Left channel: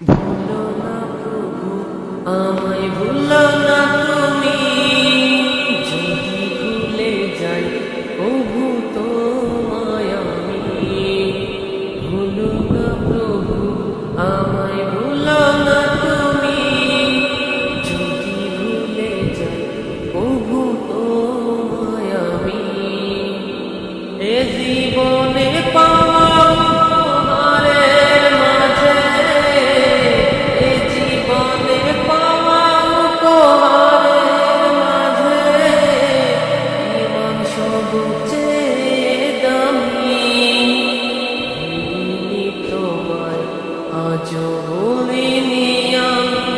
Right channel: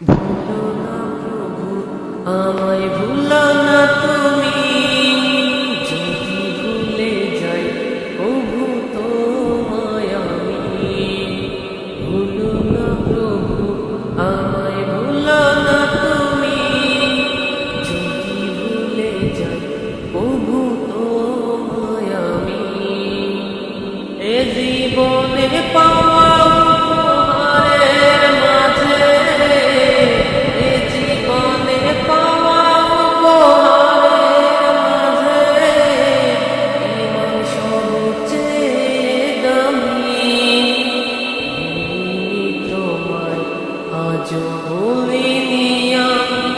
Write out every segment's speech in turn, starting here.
ভুলো না প্রভু আমায়, ভুলো না তুমি। যদি ভুলে যাই প্রভু তোমায় আমি। ভুলো না প্রভু আমায়, ভুলো না তুমি। যদি ভুলে যাই প্রভু তোমায় আমি। এ জীবনে পাওয়া উপহারের মাঝে, এ জীবনে পাওয়া উপহারের মাঝে ঈমান সবচেয়ে দামি। ভুলিনি তোমায়, আজও ভুলিনি আমি।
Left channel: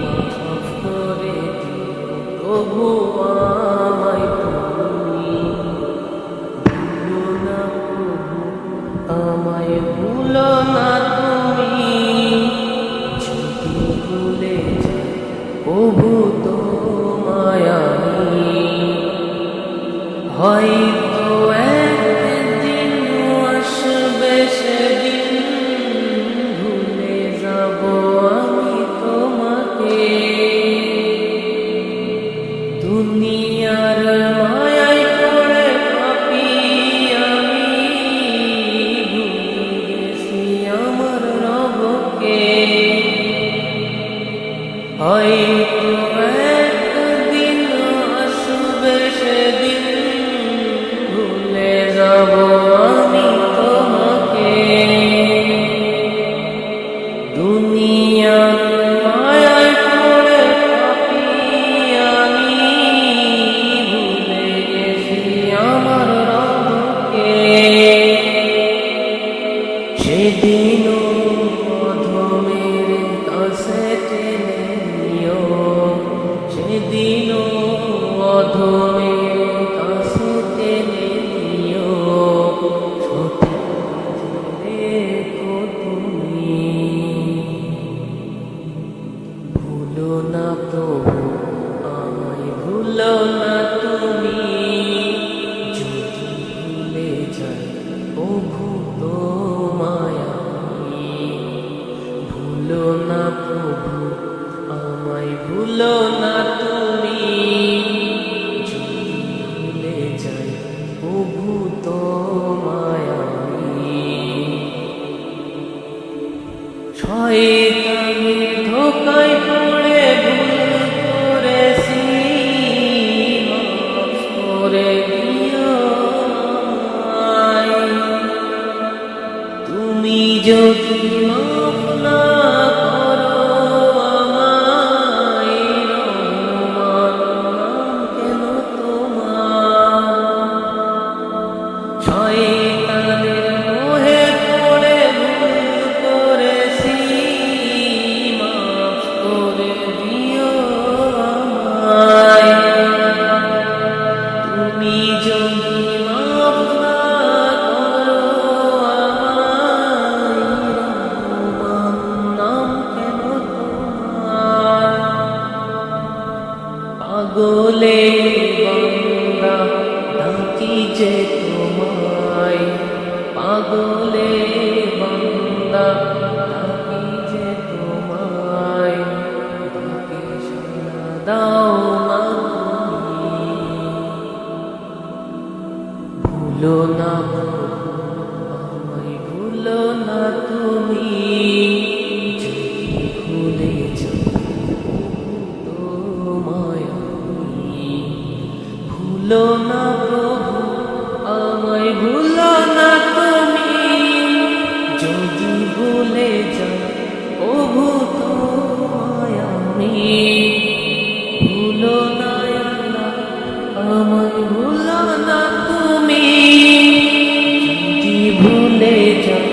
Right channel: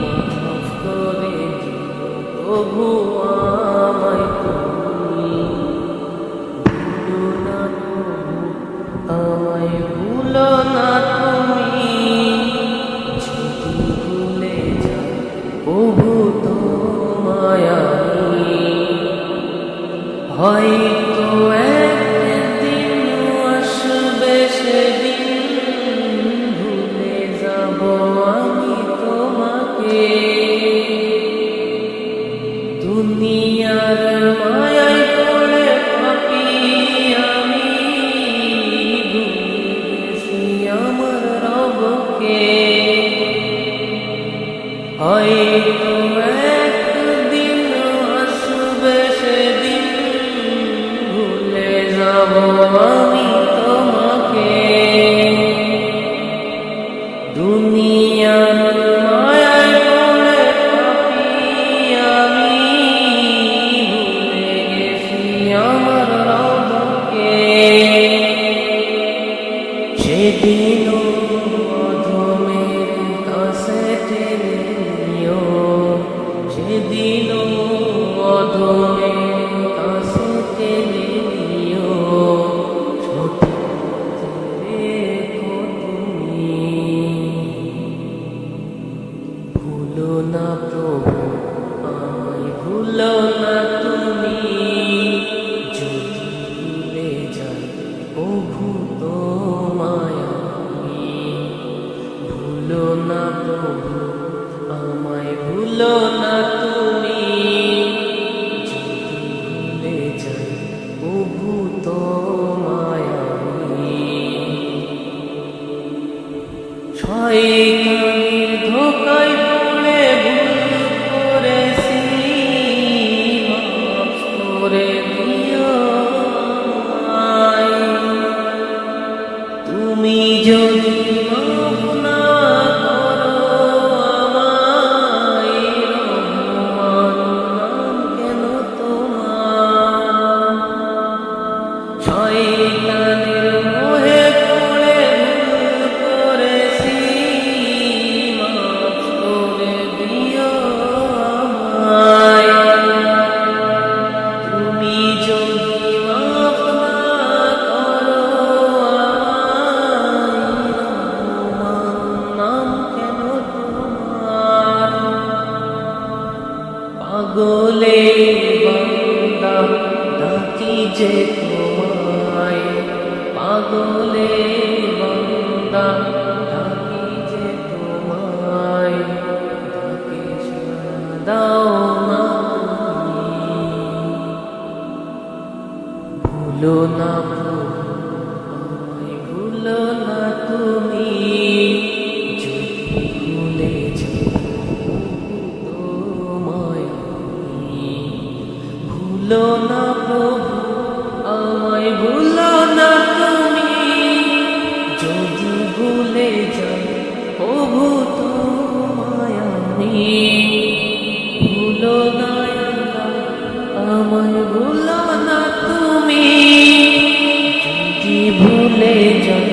মাফ করে দিও প্রভু আমায় তুমি। ভুলো না প্রভু আমায়, ভুলো না তুমি। যদি ভুলে যাই প্রভু তোমায় আমি। হয়তো একদিন আসবে সেদিন, ভুলে যাব আমি তোমাকে। দুনিয়ার মায়ায় পড়ে পাপী আমি, ভুলে গেছি আমার রবকে। হয়তো একদিন আসবে সেদিন, ভুলে যাব আমি তোমাকে। দুনিয়ার মায়ায় পড়ে পাপী আমি, ভুলে গেছি আমার রবকে। সেদিনও অধমের কাছে টেনে নিও, সেদিনও অধমের কাছে টেনে নিও। সঠিক রেখো তুমি। ভুলো না প্রভু আমায়, ভুলো না তুমি। যদি ভুলে যাই প্রভু তোমায় আমি। ভুলো না প্রভু আমায়, ভুলো না তুমি। যদি ভুলে যাই প্রভু তোমায় আমি। শয়তানের ধোঁকায় পড়ে ভুল করেছি, মাফ করে দিও আমায়। তুমি যদি মাফ না করো আমায়, রহমান নাম কেন তোমার? শয়তানের মোহে পড়ে ভুল করেছি, মাফ করে দিও আমায়। তুমি যদি মাফ না করো আমায়, রহমান নাম কেন তোমার? পাগলে বান্দা ডাকি যে তোমায়, পাগলে বান্দা ডাকি যে তোমায়। ডাকে সাড়া দাও না তুমি। ভুলো না প্রভু আমায়, ভুলো না তুমি। যদি ভুলে যাও প্রভু তোমায় আমি। ভুলো না প্রভু আমায়, ভুলো না তুমি। যদি ভুলে যাই প্রভু তোমায় আমি। ভুলো না আল্লাহ আমায়, ভুলো না তুমি। যদি ভুলে যাই